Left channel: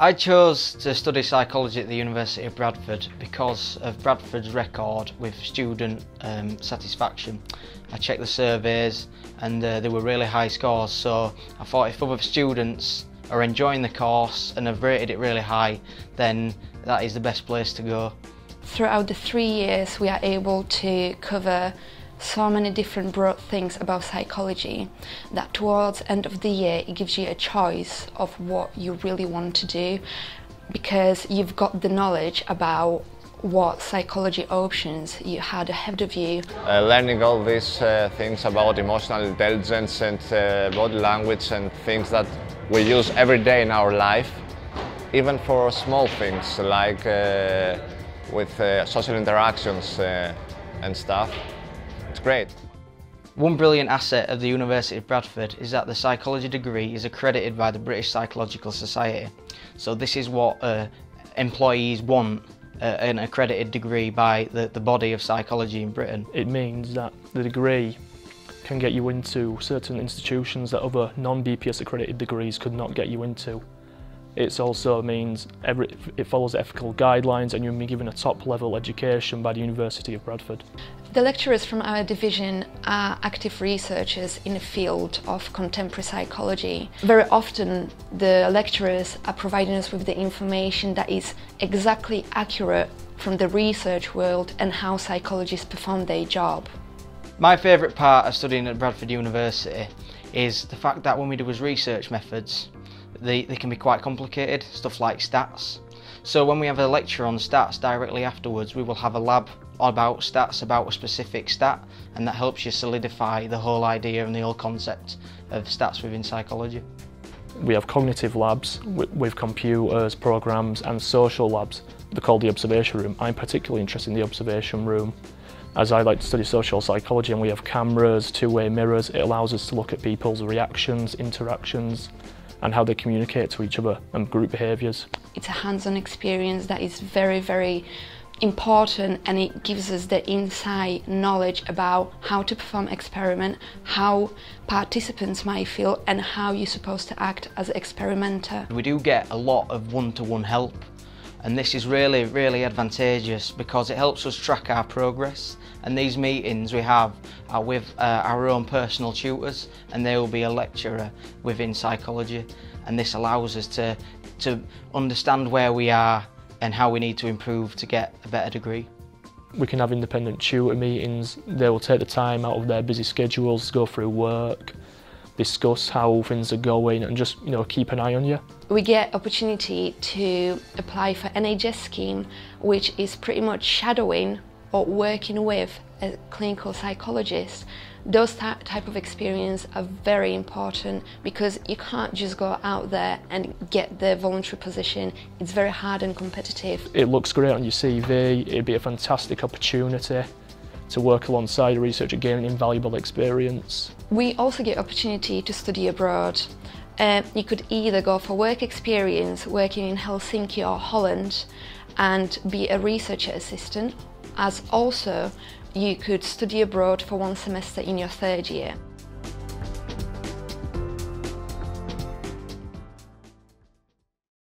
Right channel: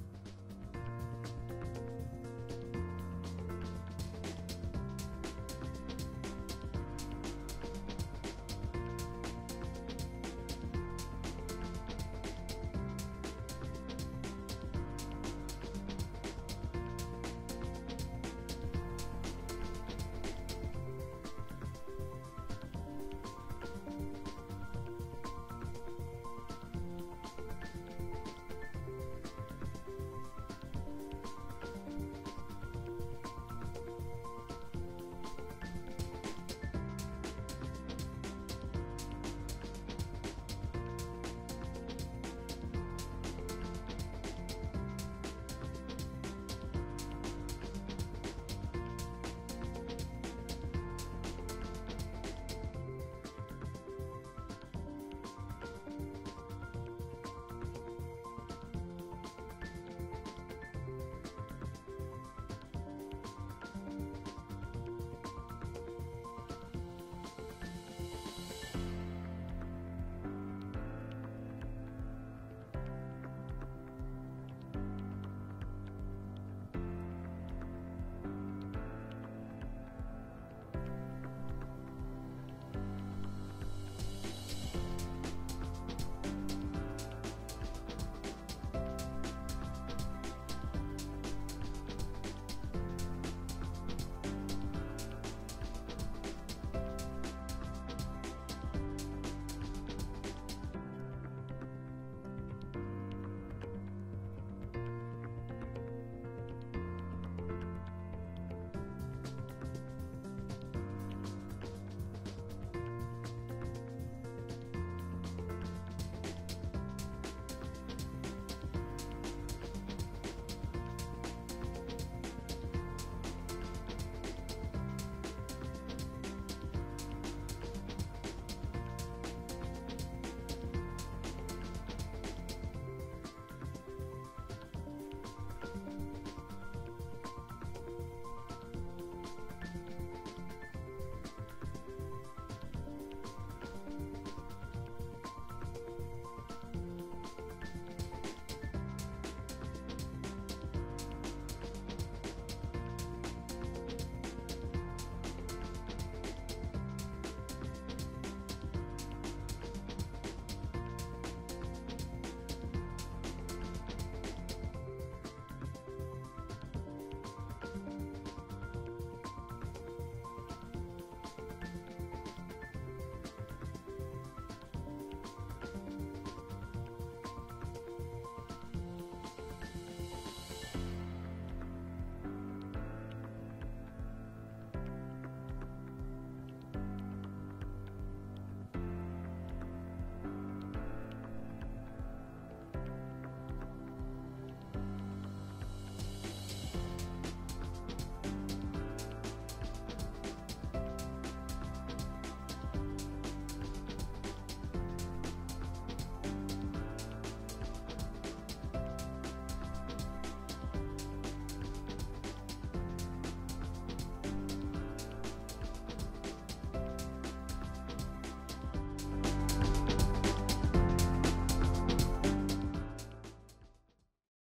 I chose to study psychology at the University of Bradford because of Bradford's record with student satisfaction. I checked the surveys and they were really high scores, so I thought if other students are enjoying the course and have rated it really high, then that is the best place to go. Throughout the 3 years we are able to cover so many different broad things about psychology that towards the end of the year it gives you a choice of what you really want to do, because you've got the knowledge about what psychology options you had ahead of you. Learning all these things about emotional intelligence and body language and things that we use every day in our life, even for small things like with social interactions and stuff. It's great. One brilliant asset of the University of Bradford is that the psychology degree is accredited by the British Psychological Society. So this is what employees want, an accredited degree by the body of psychology in Britain. It means that the degree can get you into certain institutions that other non-BPS accredited degrees could not get you into. It also means it follows ethical guidelines and you'll be given a top-level education by the University of Bradford. The lecturers from our division are active researchers in the field of contemporary psychology. Very often the lecturers are providing us with the information that is exactly accurate from the research world and how psychologists perform their job. My favourite part of studying at Bradford University is the fact that when we do as research methods, they can be quite complicated, stuff like stats. So when we have a lecture on stats directly afterwards, we will have a lab about stats, about a specific stat, and that helps you solidify the whole idea and the whole concept of stats within psychology. We have cognitive labs with computers, programs, and social labs. They're called the observation room. I'm particularly interested in the observation room, as I like to study social psychology, and we have cameras, two-way mirrors. It allows us to look at people's reactions, interactions, and how they communicate to each other and group behaviours. It's a hands-on experience that is very, very important, and it gives us the inside knowledge about how to perform experiment, how participants might feel, and how you're supposed to act as an experimenter. We do get a lot of one-to-one help, and this is really, really advantageous because it helps us track our progress. And these meetings we have are with our own personal tutors, and they will be a lecturer within psychology, and this allows us to understand where we are and how we need to improve to get a better degree. We can have independent tutor meetings. They will take the time out of their busy schedules to go through work, discuss how things are going, and just keep an eye on you. We get opportunity to apply for Nhs Scheme, which is pretty much shadowing or working with a clinical psychologist. Those type of experience are very important because you can't just go out there and get the voluntary position. It's very hard and competitive. It looks great on your CV. It'd be a fantastic opportunity to work alongside a researcher, gaining invaluable experience. We also get opportunity to study abroad. You could either go for work experience working in Helsinki or Holland and be a researcher assistant, as also you could study abroad for 1 semester in your 3rd year.